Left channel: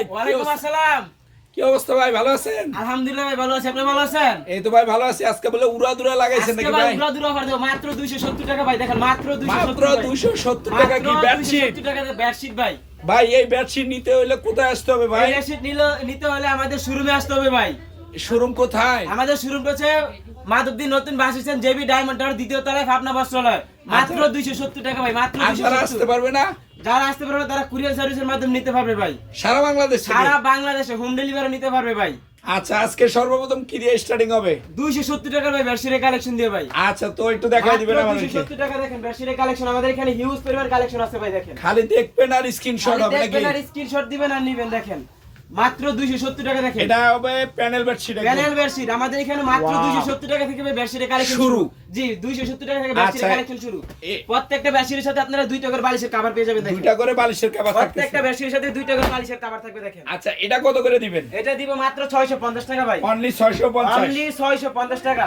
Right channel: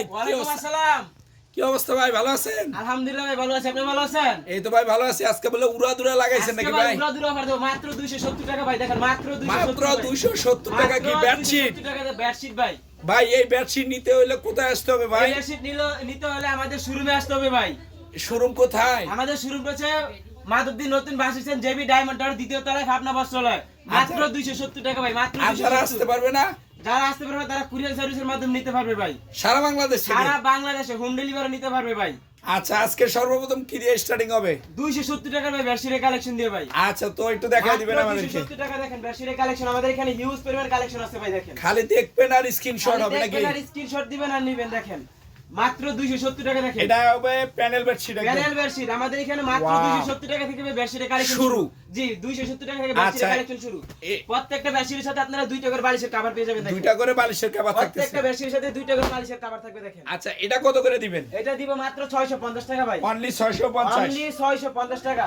ভাই। ওয়ালাইকুম আসসালাম। কি অবস্থা ভাই ভালো আছেন? আলহামদুলিল্লাহ ভাই ভালো আছি। আপনি ভালো আছেন? এই তো ভাই ভালো আছি। আজকে বলে উড়া দুরা লাগাইছেন নাকি ভাই ভাই? পুরো দূর দেবো। মাত্র 270 টাকা ভাই দেখেন মাত্র 270 মাত্র ভাই। দুইশো সত্তর টাকা কি মাত্র বেডশিট 270 টাকা বেডশিট ভাই। ভাই এই বেডশিট নিতে হইলে কোথায় আসতে হবে ভাই? বেডশিট নিতে হলে আমাদের শোরুমে আসতে হবে ভাই। শোরুম কোথায়? আমাদের শোরুম করছে মাধবদী নতুন বাস জেবি ডায়মন্ড টাওয়ার দ্বিতীয় তলায় ফাপনা বস্ত্রালয় মাত্র 270 টাকা ভাই মাত্র যারা আসতে পারবে না? যারা আসতে পারবে তারা কুরিয়ার সার্ভিসের মাধ্যমে নিতে পারবে ভাই। সারা বাংলাদেশ সারা বাংলাদেশে হোম ডেলিভারি নিতে পারবে ভাই। আচ্ছা আজকে সর্বপ্রথম কি দিয়ে স্টার্টিং হবে? 270 টাকা ভাই বেডশিটের কালেকশন দিয়ে ভাই। আচ্ছা তো একটু দেখাই দিবেন আমাদের 270 টাকা দেখেন বেডশিটের কালেকশন আমাদের এখানে হিউজ পরিমাণ কালেকশন আছে ভাই দেখেন। খালি দেখবেন আর স্ক্রিনশট হবে নাকি? দেখবেন আর স্ক্রিনশট দিবেন আর নিবেন দেখেন। মাত্র 270 টাকা দেখেন। এটা হবে প্যানেল বেডশিট প্যানেল বেডশিট। আমাদের এখানে মাত্র Wow. 270 টাকা থেকে বেডশিটের কালেকশন শুরু। জি 270 টাকা থেকে বেডশিটের। কালেকশন শুরু। প্রত্যেকটা বেডশিটের সাথে আপনারা দুই টাকার বালিশের কভার পেয়ে যাবেন দুইটা করে বালিশের কভার থাকতেছে। প্রত্যেকটা বেডশিটের সাথে দুই টাকার বালিশের কভার থাকবে দেখেন। আচ্ছা এটা কত করে দিবেন? এটা দিব মাত্র 650 টাকা ভাই। অনলি 650 অনলি 650 টাকা।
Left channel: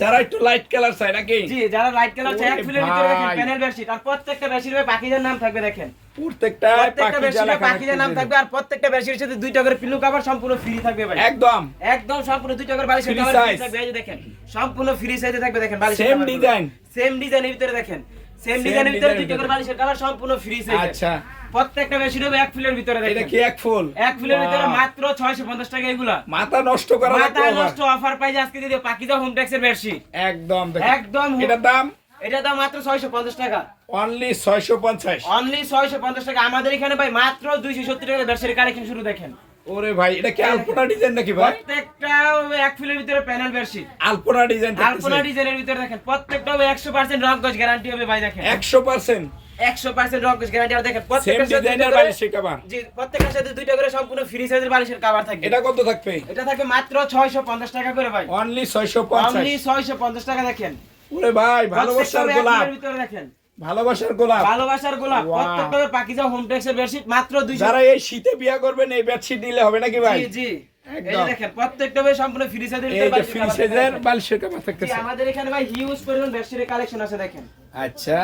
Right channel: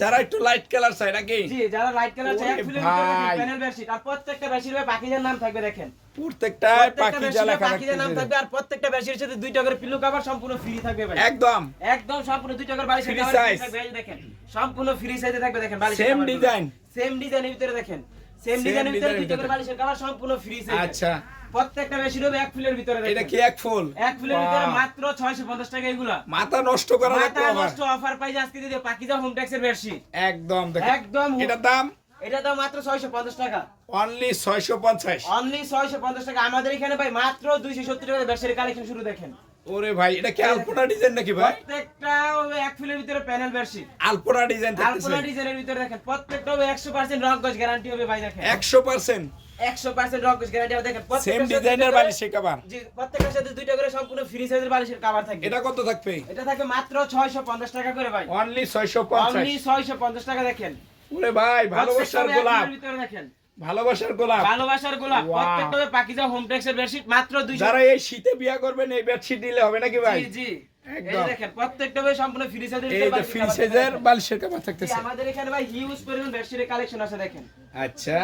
যারা একটু লাইট কালার চায় নাকি? জি যারা লাইট কালার চাই এক ভিতরে দেখেন প্যানেল বেডশিট আর প্রত্যেকটা বেডশিটের পাখিজার নাম থাকবে দেখেন। প্রত্যেকটা প্রত্যেকটা বেডশিটে পাখিদের নাম থাকবে আর প্রত্যেকটা বেডশিটের সাথে দুইটা করে পিলো কভার সম্পূর্ণ ফ্রি থাকবে ভাই। একদম। একদম সম্পূর্ণ দুইটা করে বালিশের কভার ফ্রি থাকবে এই যে দেখেন সম্পূর্ণ ফ্রি সাইজে থাকবে দেখেন বালিশের Same design? সেম ডিজাইনের ভিতরে দেখেন সেম ডিজাইনের ভিতরে design এর দুইটা করে বালিশের কভার সম্পূর্ণ ফ্রি সাইজে আচ্ছা। প্রত্যেকটা বেডশিট হবে এক ফুলের ভিতরে এটা কি এক ফুল? এক ফুলের ভিতরে মাত্র 650 টাকা এগুলা। মাথা নষ্ট করা মাথা নষ্ট অফার পাই আজকে দিদি পাকিজা হোম ট্যাক্সের বেডশিট একদম একদম এটার দাম? এটা দাম মাত্র 650 টাকা। অনলি 650 অনলি 650 টাকা। আমাদের এখানে ভাই মাত্র 270 টাকা বেডশিটের কালেকশন শুরু দেখেন। ওরে ভাই এটা কি আলপনা ডিজাইন নাকি ভাই? প্রত্যেকটা এক ফুলের ভিতরে প্যানেল বেডশিট আলপনা ডিজাইন আলপনা ডিজাইনের ভিতরে দেখেন প্রত্যেকটা হবে 100% রং গজ গ্যারান্টি হবে ভাই দেখেন। 100% 100% রং গ্যারান্টি দেখেন প্রত্যেকটা ডিজাইনের বালিশের কভার জি প্রত্যেকটার সাথে দুইটা করে সম্পূর্ণ ফ্রি সাইজের বালিশের কভার থাকবে এটা কত থাকবে? এটা থাকবে মাত্র 650 টাকা করে ভাই। অনলি অনলি 650 650 টাকা দেখেন। ওরে ভাই ভালোবাসার প্রত্যেকটা হবে এক গোলাপ। ভিতরে দেখেন। ভালোবাসার গোলাপ। ভালোবাসার গোলাপ। প্রত্যেকটা পাকিজা হোম টেক্সের বেডশিট মাত্র 200 যারা এই শীতে বিয়া করবেন এই বেডশিট নিলে হবে নাকি ভাই? জি দেখেন প্রত্যেকটা সম্পূর্ণ ফ্রি সাইজের। বালিশের কভার থাকতেছে। আমাদের এখানে ভাই হিউজ পরিমাণ বেডশিটের কালেকশন আছে দেখেন। আচ্ছা।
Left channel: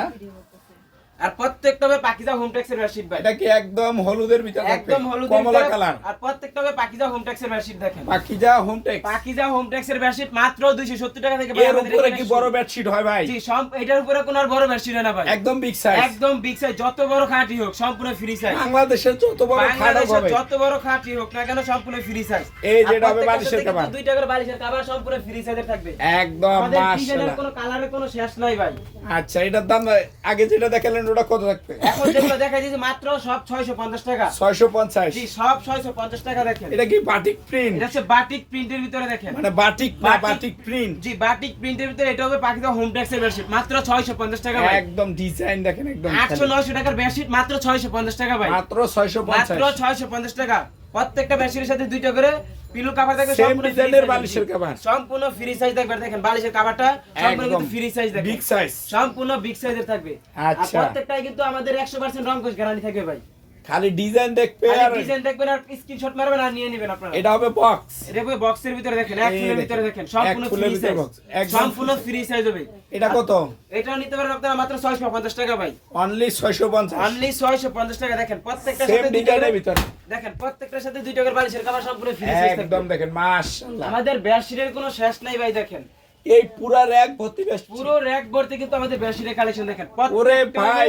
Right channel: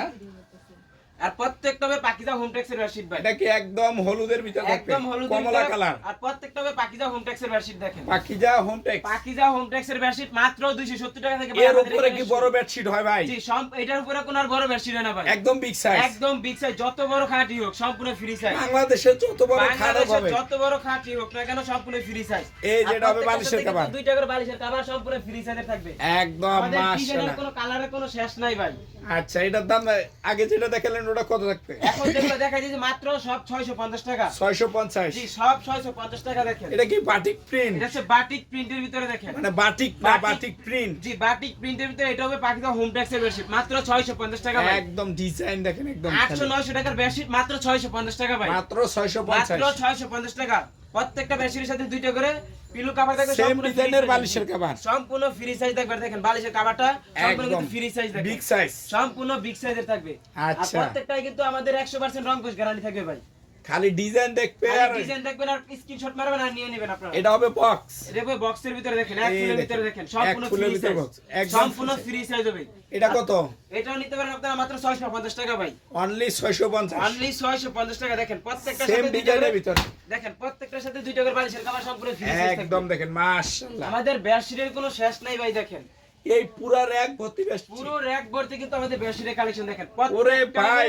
আর প্রত্যেকটা হবে পাকিজা হোম টেক্সের বেডশিট ভাই। এটা কি একদম হলুদের ভিতরে একদম হলুদ কমলা কালার আর প্রত্যেকটা হবে পাকিজা হোম টেক্সের বেডশিট দেখেন। Pakiza home tex Pakiza home টেক্সের bedsheet মাত্র 270 টাকা থেকে এর উপরে কি বড় বেডশিট হয় ভাই? জি সব এটার উপরে কোনো আর বড় বেডশিট হয় না ভাই। একদম বিগ সাইজ একদম বিগ সাইজ যত বড় খাটি হোক সম্পূর্ণ ফ্রি সাইজ বাংলাদেশের যত বড় বাংলাদেশের হবে। যত বড় খাটি হোক না কেন সম্পূর্ণ ফ্রি সাইজ এই যেটা হবে বালিশের কভার। দুই টাকার বালিশের কভার সম্পূর্ণ ফ্রি সাইজের থাকবে। একদম মাশাআল্লাহ। কোনো কালারের কোনো শেষ নাই ভাই। আচ্ছা এটার দাম আগে যেটা দেখালেন ওটা কত থাকবে? এখন যেগুলো দেখাই দিয়েছি মাত্র সব 650 টাকা। 650 জি সব 650 টাকা দেখেন। এটা কি বাটিক প্রিন্ট এটা হচ্ছে বাটিক প্রিন্টের ভিতরে দেখেন। মানে বাটিক না বাটিক- প্রিন্ট জি বাটিক প্রিন্টের ভিতরে এটা হবে পাকিস্তান হোম ট্যাক্সের বেডশিট মাত্র 650 টাকা ভাই। একদম ডিজাইন দেখেন একদম 800 900 টাকার বেডশিট মাত্র 650 টাকা ভাই। মাত্র মাত্র 650 650 টাকা। প্রত্যেকটা বেডশিটের সাথে দুইটা করে পিলো কভার থাকবে সম্পূর্ণ ডিজাইনের বালিশের কভার সম্পূর্ণ ফ্রি সাইজ থাকবে দেখেন বালিশের কভারটা সম্পূর্ণ কিন্তু ফ্রি সাইজ থাকবে। বিগ সাইজ সম্পূর্ণ বিগ সাইজের থাকবে। আর আচ্ছা। প্রত্যেকটাই কিন্তু আমাদের 100% রং কোশ গ্যারান্টি থাকবে ভাই। খালি ডিজাইন আর ডিজাইন দেখবেন আর স্ক্রিনশট মারবেন আর নিয়ে নেবেন আপনারা। এটা হবে বক্স এটা হবে বক্সের ভিতরে দেখেন এক ফুলের ভিতরে দেখেন সম্পূর্ণ ফ্রি সাইজ সম্পূর্ণ ফ্রি সাইজ হবে। এটা কত? এটা নিতে পারেন আপনারা মাত্র 650 টাকা ভাই। অনলি 650 অনলি 650 টাকা দেখেন প্রত্যেকটা সাথে ডিজাইনের ভিতরে। দেখেন প্রত্যেকটার সাথে দুইটা করে বালিশের কভার সম্পূর্ণ ফ্রি সাইজ একদম দেখেন মাশাআল্লাহ। আমাদের বেডশিটের কোনো শেষ নাই ভাই দেখেন। এই পুরা র‍্যাক ভর্তি বেশ পুরো র‍্যাক ভর্তি কিন্তু আমাদের বেডশিটের কালেকশন দেখেন। ওরে ভাই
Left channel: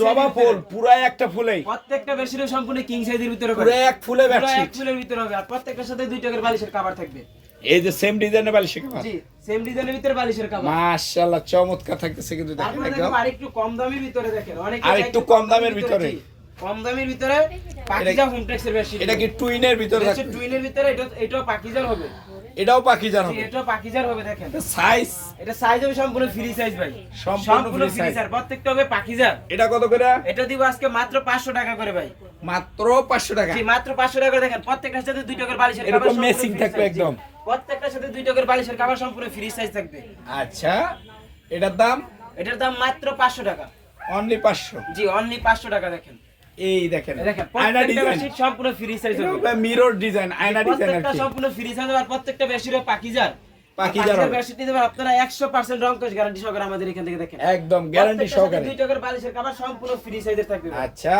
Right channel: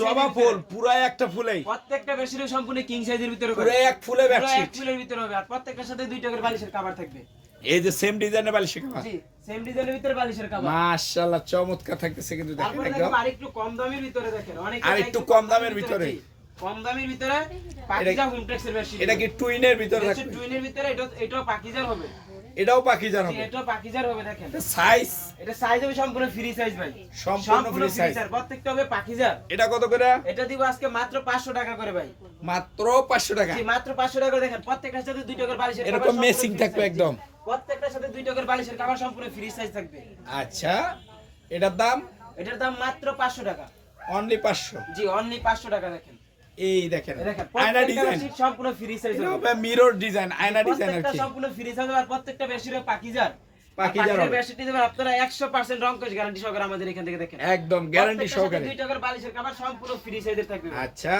জবা ফুল। পুরা একটা ফুলেই। প্রত্যেকটা বেডশিটের সম্পূর্ণ কিং সাইজের ভিতরে পুরো এক ফুলে পুরো এক ফুলের ভিতরে হবে। আর প্রত্যেকটার সাথে দুইটা করে বালিশের কভার থাকবে। এই যে সেম ডিজাইনের বালিশ কভার জি সেম ডিজাইনের ভিতরে বালিশের কভার মাশাআল্লাহ চমৎকার থাকতেছে কিন্তু দেখেন একদম। দেখো আরেকটু কম দামের ভিতরে দেখেন। অনেক আর একটু কম দামের ভিতরে। কম দামের ভিতরে পাকিজা হোম টেক্সের বেডশিট এটা কি টুইনের ভিতরে থাকবে? টুইনের ভিতরে এটা এটাও পাকিজার হবে। এটাও পাখি জানো জি, এটাও পাকিজার হবে দেখেন। সাইজ এটা সাইজ হবে সম্পূর্ণ ফ্রি সাইজ ভাই। সম্পূর্ণ ফ্রি। সাইজ প্রত্যেকটা হবে পাকিজার এটা কত করে? এটা দিব আজকে মাত্র 500 টাকা করে ভাই। মাত্র 500 টাকা। জি মাত্র 500 টাকা দেখেন। প্রত্যেকটার সাথে দুই টাকার বালিশের কভার সম্পূর্ণ free থাকবে একদম। প্রত্যেকটার সাথে দুই টাকার বালিশের কভার সম্পূর্ণ ফ্রি সাইজ থাকবে। আচ্ছা এটার দাম? এটার দাম মাত্র 500 টাকা। অনলি 500 জি অনলি 500 টাকা দেখেন। এই দেখেন আয়না ডিজাইন সম্পূর্ণ ফ্রি সাইজ হবে। মিরর ডিজাইন আয়না ডিজাইন আর প্রত্যেকটা কি। সম্পূর্ণ ফ্রি সাইজ হবে আর প্রত্যেকটা পাকিজার। পাকিজার হবে। আপনারা 100% রং গ্যারান্টি সহকারে আমাদের এখান থেকে দেখেন। একদম গ্যারান্টি সহকারে। টাকার বালিশের কভার সম্পূর্ণ ফ্রি সাইজের থাকবে। আচ্ছা।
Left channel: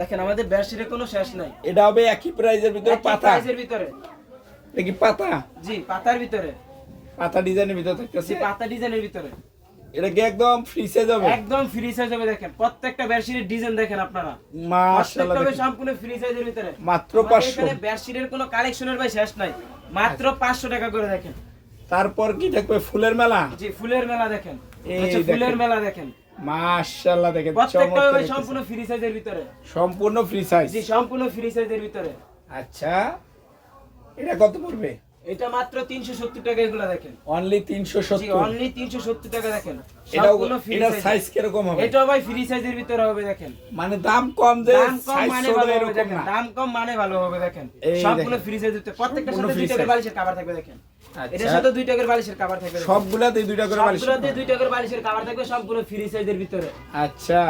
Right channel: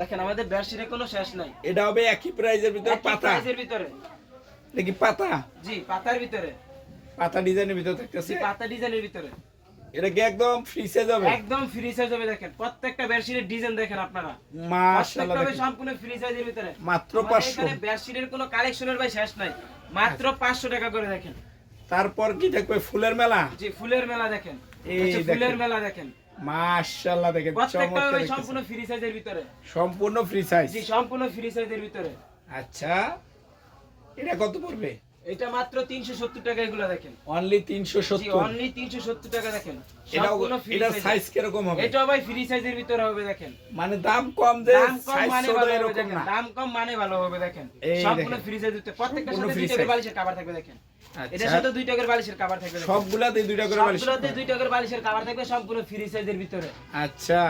দেখেন আমাদের বেডশিটের কোনো শেষ নাই। এটা হবে একই প্রাইজের ভিতরে পাতা। প্রাইসের ভিতরে। এটা কি পাতা? জি পাতার ভিতরে। পাতা ডিজাইনের ভিতরে থাকতেছে। পাতা ডিজাইনের ভিতরে। এটা কি একদম ফ্রি সাইজ হবে? একদম ফ্রি সাইজ হবে দেখেন। প্রত্যেকটা বেডশিটের ডিজাইন দেখেন আপনারা। মাশাআল্লাহ দেখেন। সম্পূর্ণ ফ্রি সাইজের ভিতরে। মাত্র 500 এখানে বেডশিটের কোনো কালেকশনের ভাই শেষ নাই। মাত্র 500 টাকা করে দেখেন। তারপর কি থাকবে ফুলের মেলা? জি ফুলের মেলা দেখেন। এই ফুলের মেলা দেখেন। মাশাআল্লাহ দেখেন। প্রত্যেকটা সম্পূর্ণ ফ্রি সাইজের ভিতরে। সম্পূর্ণ ফ্রি সাইজ জি সম্পূর্ণ ফ্রি সাইজের ভিতরে। আচ্ছা। এটা কত পড়বে? এটা মাত্র 370 টাকা এগুলো দেখেন। অনলি জি 370 অনলি 370 টাকা দেখেন। এটা সম্পূর্ণ ফ্রি এটা সাইজ সাইজ কীরকম হবে? এটা ভাই ফ্রি সাইজের ভিতরে হবে দেখেন। মানে দাম কম যে দাম কম মানে ভালো এরকম না। দাম কম মানে ভালো হবে দেখেন। দেখেন। ফ্রি সাইজ দিতে প্রত্যেকটার সম্পূর্ণ সাথে দুই টাকার বালিশের কভার থাকবে দেখেন। এটার সাথে দুই টাকার বালিশের কভার থাকবে সবগুলাতে দুইটা করে বালিশ সবগুলোতে দুই টাকার বালিশের কভার থাকবে সম্পূর্ণ ফ্রি সাইজের ভিতরে। আচ্ছা।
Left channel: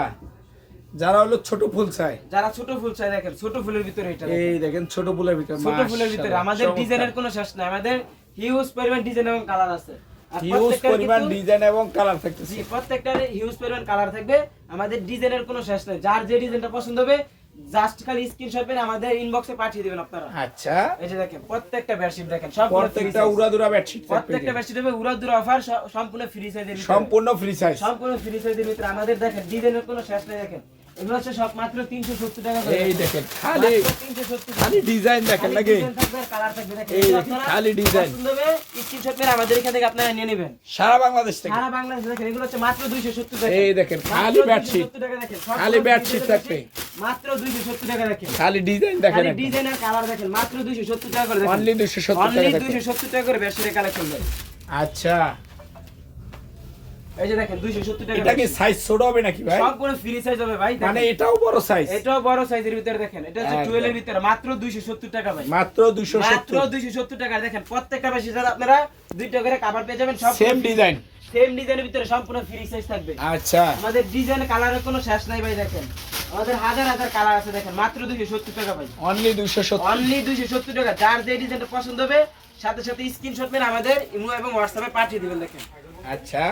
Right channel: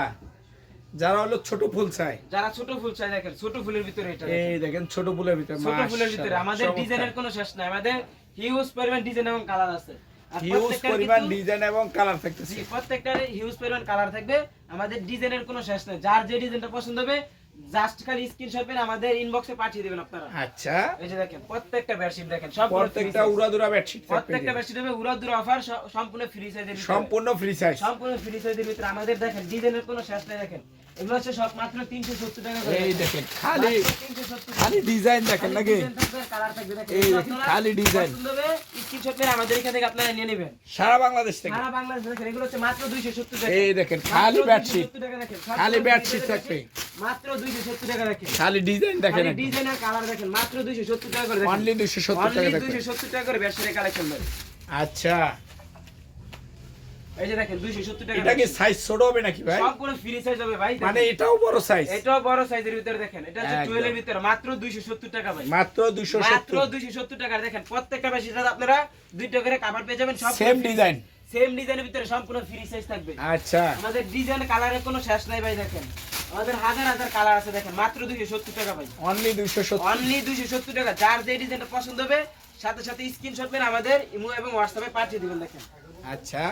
যারা হলো ছোট ফুল চাই যারা ছোট ফুল চাই দেখেন ছোট ফুলের ভিতরে এটা দেখেন। এই দেখেন। ছোট ফুলের ভিতরে ছোট ফুলের ভিতরে। আমাদের। ডিজাইনের কোনো শেষ নাই। আমাদের হিউজ পরিমাণ ডিজাইন এবং কালার আছে। হিউজ পরিমাণ ডিজাইন এবং কালার থাকবে জি প্রত্যেকটার হিউজ পরিমাণ কালার থাকবে। আমাদের ডিজাইনের কোনো শেষ নাই। যার যে ডিজাইনটা পছন্দ হবে জাস্ট খালি স্ক্রিনশট পেন আমাদের ইনবক্সে পাঠিয়ে দিবেন আপনারা। আচ্ছা। এই যে দেখেন প্রত্যেকটা বেডশিট দেখেন সব প্রত্যেকটা উড়াদুরা বেডশিট প্রত্যেকটা বেডশিট হবে উড়াদুরা অফার সম্পূর্ণ ফ্রি সাইজের সম্পূর্ণ ফ্রি সাইজ সম্পূর্ণ ফ্রি সাইজের ভিতরে। আমাদের দেখেন ডিজাইনের কোনো শেষ নাই দেখেন। এগুলো হচ্ছে সব মাত্র 370 টাকা করে। এই দেখেন খালি 370 খালি ডিজাইন দেখেন নাকি? কালার থাকবে দেখেন। এই এগুলো দেখেন, আপনারা খালি ডিজাইন। স্ক্রিনশট মেরে আমাদের এখান থেকে আপনারা নিয়ে নেবেন। সারা বাংলাদেশ থেকে? সারা বাংলাদেশ দেখেন এগুলো হচ্ছে মাত্র 270 টাকা। এই দেখেন খালি বেডশিট 270 টাকা দেখেন সব খালি বেডশিট থাকবে। মাত্র 270 টাকা দেখেন। খালি ডিজাইন দেখেন খালি ডিজাইন আর কালার দেখেন মাত্র 270 টাকা করে দেখেন। অনলি 270 টাকা অনলি 270 টাকা করে বেডশিটের কালেকশন দেয়। আচ্ছা। এই যে দেখেন 270 টাকা এটা কি সাইজ ছোট হবে নাকি ভাই? সবগুলো ফ্রি সাইজ হবে ভাই মানে এটাও বড় সাইজ এটাও বড় সাইজের ভিতরে দেখেন এটা হচ্ছে 12 এর ভিতরে মাত্র 270 টাকা ভাই। মাত্র মাত্র 270 270 টাকা দেখেন প্রত্যেকটা বেশি আপনারা দুই করে কভার পেয়ে যাবেন সব সেম ডিজাইন সেম ডিজাইনের ভিতরে সম্পূর্ণ ফ্রি সাইজ থাকবে। আচ্ছা। আমাদের ডিজাইন কালারের কোনো শেষ নাই ভাই দেখেন। আমাদের হাজার হাজার কালার আছে দেখেন মাত্র 270 টাকা ভাই। অনলি 270 অনলি 270 টাকা। যার যে ডিজাইনটা পছন্দ হবে সাথে সাথে স্ক্রিনশট মেরে আমাদের ইমো এবং হোয়াটসঅ্যাপে পাঠিয়ে দিবেন দেখেন। আচ্ছা।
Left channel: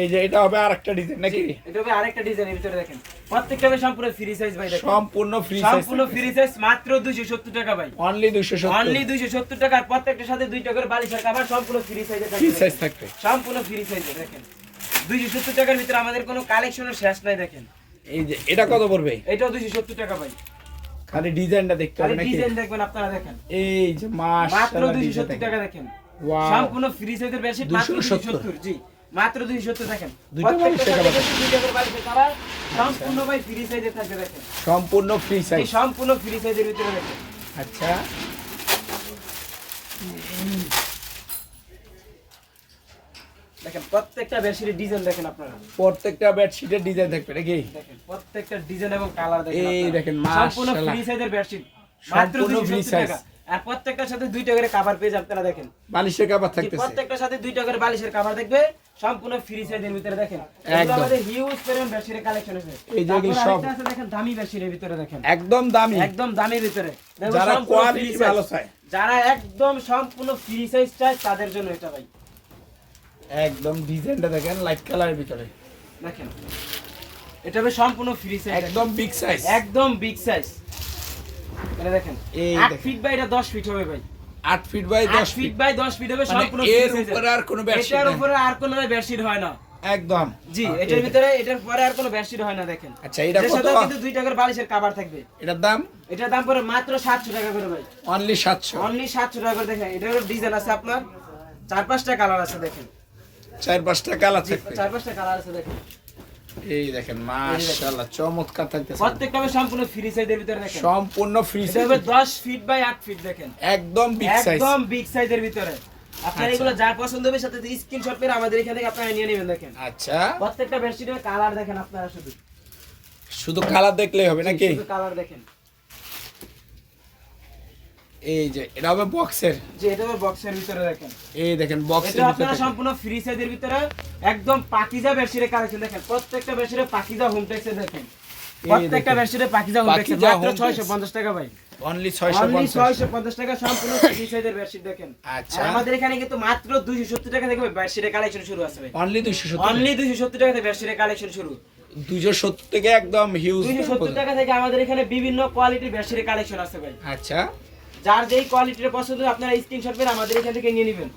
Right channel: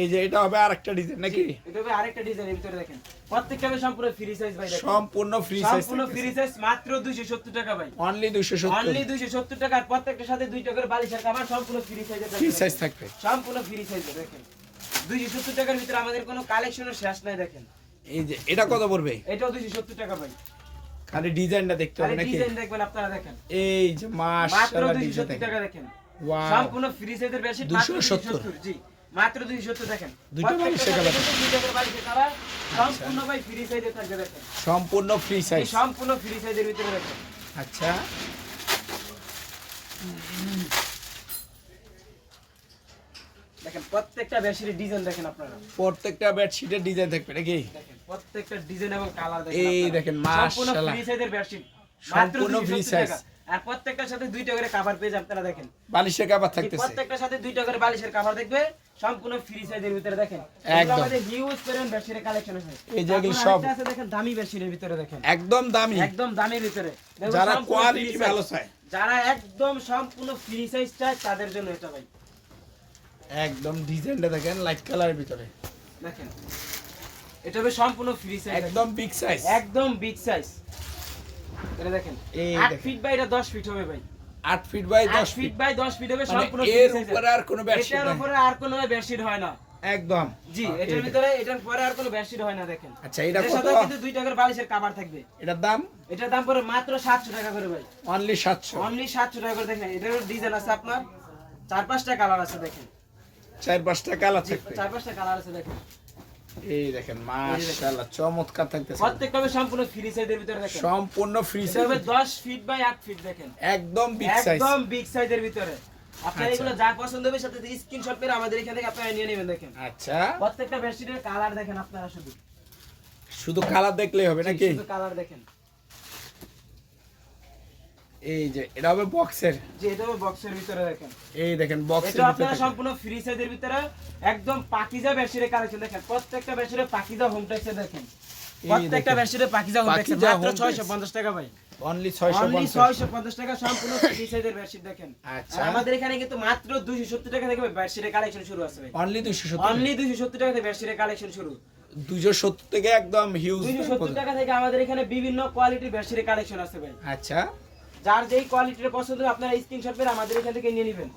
এই যে এটা হবে আরেকটা ডিজাইন নাকি? এটা হবে আরেকটা ডিজাইনের ভিতরে দেখেন। প্রত্যেকটা সম্পূর্ণ ফ্রি সাইজ ভাই দেখেন। সম্পূর্ণ ফ্রি সাইজ সম্পূর্ণ ফ্রি সাইজ মাত্র 270 টাকা ভাই। অনলি 270 অনলি 270 টাকার প্রত্যেকটার সাথে দুই টাকার বালিশের কভার সম্পূর্ণ ফ্রি সাইজে ফ্রি সাইজ থাকবে। সম্পূর্ণ ফ্রি সাইজে দেখেন। 270 টাকার ভিতরে আমাদের কোনো কালেকশনের শেষ নাই দেখেন। এই যে এটা কত পড়বে? এটাও 270 টাকা ভাই। খালি ডিজাইনটা দেখতে হবে নাকি? ডিজাইন দেখবেন আপনারা দেখেন। এই যে মাত্র 270 টাকা দেখেন। সম্পূর্ণ ফ্রি সাইজের বেশি মাত্র 270 270 জি। মাত্র 270 দেখেন। প্রত্যেকটা বালিশের দুই টাকার সম্পূর্ণ ভাই ফ্রি সাইজে থাকবে দেখেন। সম্পূর্ণ ফ্রি সাইজ সম্পূর্ণ ফ্রি সাইজের ভিতরে দেখেন। আচ্ছা। দেখেন প্রত্যেকটা বেশির ডিজাইন দেখেন আপনারা। প্রত্যেকটা বেডশিটের ডিজাইন থাকবে নাকি? প্রত্যেকটা ডিজাইন এবং কালার দেখেন এই সম্পূর্ণ ফ্রি সাইজের বেডশিট মাত্র সম্পূর্ণ 270 টাকা আর প্রত্যেকটার সাথে দুইটা করে কভার পেজ আপনারা দেখেন। বালিশের যে থাকতেছে। প্রত্যেকটার সাথে দুইটা করে বালিশের কভার দেখবে সম্পূর্ণ ফ্রি সাইজের ভিতরে দেখেন। এগুলো একদম। আমাদের হিউজ পরিমাণ বেডশিটের কালেকশন আছে। এই যে সব- আছে দেখেন দামি বেডশিটের ভিতরে দেখেন। একদম দামি। একদম দামের ভিতরে। যারা কোয়ালিটি ভালো চায়। যারা একদম সম্পূর্ণ ফ্রি সাইজ চায় তাদের জন্য এটা ভাই। একদম ডিজাইনটা দেখেন লাইট কালারের ভিতরে। দেখেন। এটা হবে সম্পূর্ণ ফ্রি সাইজ একদম বিগ সাইজ একদম বিগ সাইজ এটা দেখেন। এই 8 ফিট বাই এটা 10 ফিট হবে ভাই। 8 feet by 10 feet feet by 10 feet হবে মানে সম্পূর্ণ এর উপরে আর কোনো বেডশিট এটার উপরে আর কোনো বেডশিট হয় না। একদম। জি এটার ভিতরে এটার পরে আর কোনো বেডশিট হয় না দেখেন। আচ্ছা এটা কত? কিন্তু দুই টাকার বালিশের কভার থাকবে। এটার দাম? এটার দাম পড়ে মাত্র 700 টাকা করে ভাই। অনলি 700 অনলি 700 টাকা করে দেখেন। এটার ডিজাইন আছে আপনার চার পাঁচটা কালার আছে দেখেন। চার পাঁচটা কালার চার পাঁচটা কালার আছে দেখেন। এই দেখেন মাশাআল্লাহ চমৎকার থাকতেছে। প্রত্যেকটা সম্পূর্ণ ফ্রি সাইজের ভিতরে দেখেন। সম্পূর্ণ ফ্রি সাইজ হবে 10 ফিট বাই 8 ফিট দেখেন। একদম বিগ সাইজ একদম বিগ সাইজের ভিতরে। আপনার আচ্ছা। এগুলো যা পছন্দ হবে সাথে স্ক্রিনশট করে আমাদের এখান থেকে আপনারা নিয়ে নেবেন দেখেন। আচ্ছা। প্রত্যেকটা বেডশিটের কালার দেখেন আপনারা শুধু। শুধু কালার দেখলেই হবে নাকি? শুধু কালার দেখেন। এই যে এটা হবে বক্সের যে এটা হবে বক্সের ভিতরে দেখেন। এই দেখেন বক্সের এটা আপনারা সম্পূর্ণ ফ্রি সাইজের ভিতরে একদম পাকিজা বেডশিটের কালেকশন দেখেন। প্রত্যেকটা বেডশিটে পাকিজা হোম টেক্সে দেখেন। প্রত্যেকটা। বেডশিটে পাকিজা হোম টেক্সে মাত্র 650 টাকা ভাই। অনলি অনলি 650 650 টাকা সম্পূর্ণ ফ্রি সাইজের বেডশিট দেখেন। আচ্ছা। আমাদের এখানে কিন্তু মাত্র 270 টাকা থেকে বেডশিটের কালেকশন শুরু আছে ভাই। অনলি 270 অনলি 270 টাকা থেকে বেডশিটের কালেকশন শুরু। দুইশো সত্তর থেকে একদম হিউজ দুইশো সত্তর টাকা থেকে আমাদের এখানে বিভিন্ন কোয়ালিটির বেডশিটের কালেকশন আছে ভাই। আচ্ছা। যার যেই কোয়ালিটির পছন্দ আপনারা স্ক্রিনশট করে আমাদের এখান থেকে নিয়ে নেবেন।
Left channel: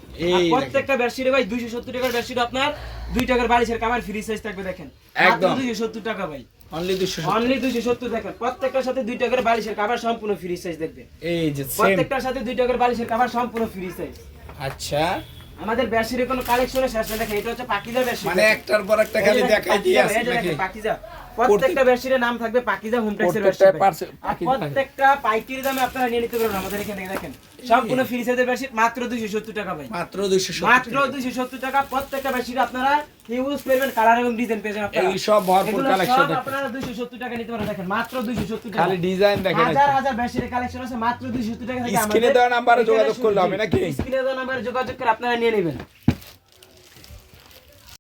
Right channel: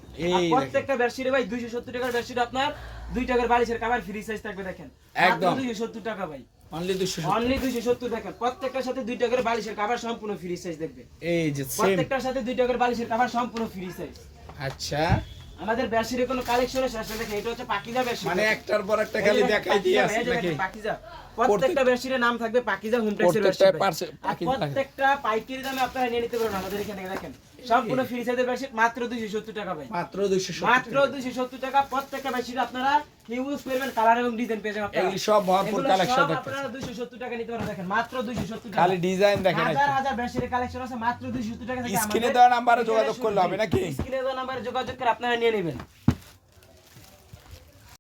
প্রত্যেকটা বেডশিটে ভাই দুইশো সত্তর টাকার বেডশিট আপনার দুই টাকার বালিশের কামার ফ্রি সাইজ থাকবে দেখেন। একদম। দুইশো সত্তর টাকা ভাই। অনলি দুইশো অনলি দুইশো সত্তর দেখেন। প্রত্যেকটার সাথে দুই টাকার বালিশের কাভার সম্পূর্ণ ফ্রি সাইজ দেখবে। এই যে প্রত্যেকটার সাথে দুই টাকার বালিশের কাভার সম্পূর্ণ ফ্রি সাইজ আচ্ছা। আমাদের বেডশিটের কোনো কালেকশনের শেষ দেখেন এটা হচ্ছে পাকিজা বেডশিট মানে একটার পর একটা খালি দেখাই দিয়ে আছে পাকিজা প্রত্যেকটা বেডশিটের নাম থাকবে পাকিজা হোম টেক্সের প্রত্যেকটা বেডশিট পাইকারি দামে আপনারা নিয়ে নিতে পারবেন আমাদের এখানে দেখেন। সম্পূর্ণ ফ্রি সাইজের বেডশিট মাত্র 270 টাকা ভাই। মাত্র মাত্র 270 টাকা প্রত্যেকটা বেডশিট আপনারা কালার এবং ডিজাইন পেয়ে যাবেন আপনারা। এই সব ভরপুর এগুলো কালেকশন সব আপনারা 270 টাকা নিতে পারেন দেখেন মাত্র 270 টাকা। খালি ডিজাইন দেখেন হাজার হাজার বেডশিটের কালেকশন আছে মাত্র 270 টাকা থেকে স্ক্রিনে দেওয়া নাম্বারে যোগাযোগ করলে হবে নাকি? স্ক্রিনে দেওয়া নাম্বারে যোগাযোগ করে আপনারা নিয়ে নেবেন।